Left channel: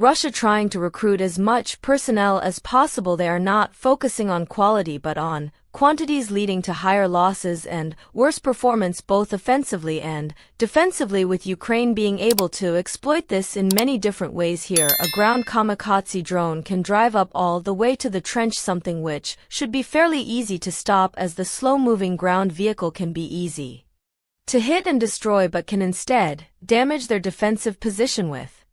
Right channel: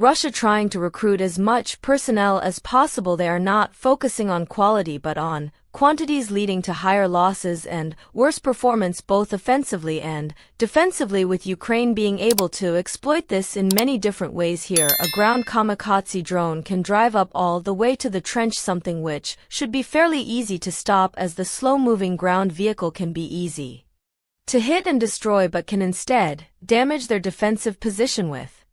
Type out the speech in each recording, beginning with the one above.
Russia trying to recruit as much personnel as possible. They are not focusing on quality but on quantities, leading to higher losses and worse performance both offensively and defensively, with Ukraine being able to exploit this in many different ways. Here, a ground kamikaze drone can drive up all the way to the trench, something which should be fairly easy to stop, as the slow-moving ground vehicle can be easy to hit and destroy but can instead damage their defensive position with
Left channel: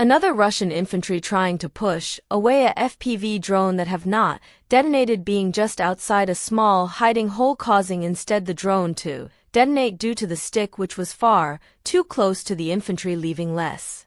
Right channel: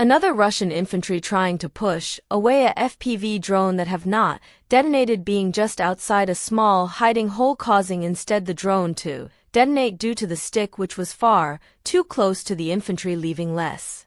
another Russian infantry trying to push away a FPV drone that have not detonated, being just outside a small hiding hole, causing instead the drone to detonate due to the stick, which was far too close to the infantry, leaving less